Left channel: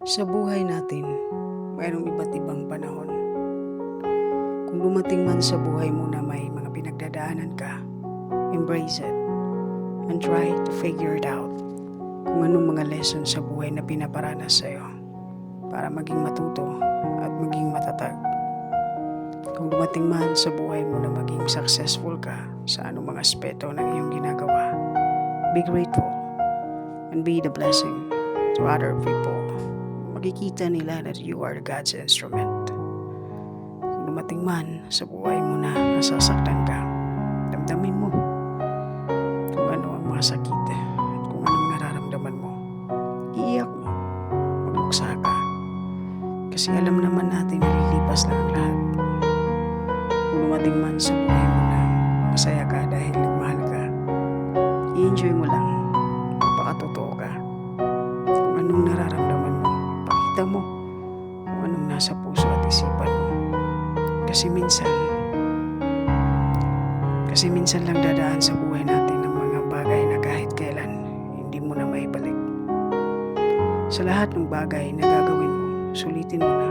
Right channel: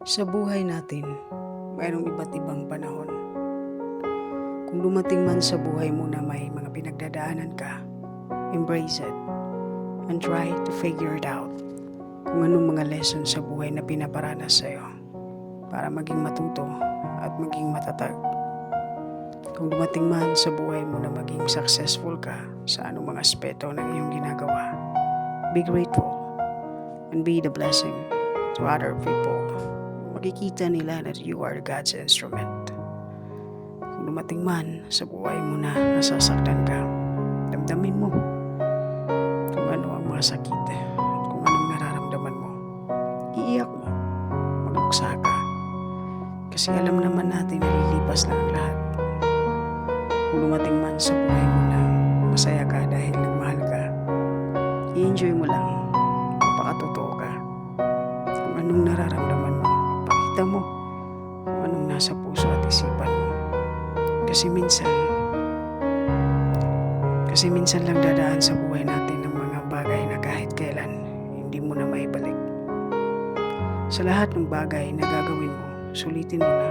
Sa buhay natin, mayroong iba't ibang panahon. Kung dumating man sa buhay mo na may mga pinagdadaanan ka, embrace it and try to figure it out kung anong mga lesson sa buhay na pinaparanas sa'yo para maging matuto at maging matatag. Kung dumating man sa buhay mo na maging successful ka sa anong mga aspeto ng iyong ginagawa, be grateful and be the blessing to other people. Makikita nila that you are God's instrument. Kung dumating man sa buhay mo na nasasaktan ka, damdamin mo kung ano ang mga sakit at kung anong nararamdaman mo. Iiyak mo, magluksa ka. Kasi alam naman natin na lilipas lang ang lahat. Kung dumating man sa buhay mo na masaya ka dahil nagmahal ka, i-enjoy mo lang, magpakatotoo ka. Kung anong nararamdaman mo, pakita mo kung anong nasa puso at isipan mo. Kasi minsan lang dadaan sa buhay natin ng mga bagay na kahit kailan hindi mo na maibalik. Sa lahat ng bagay na gagawin mo, sulitin mo na.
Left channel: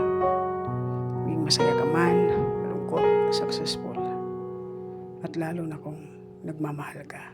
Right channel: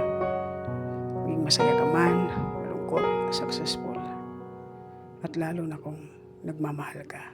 Maging masaya ka man, malungkot, successful, at lalo na kung nagmamahal ka.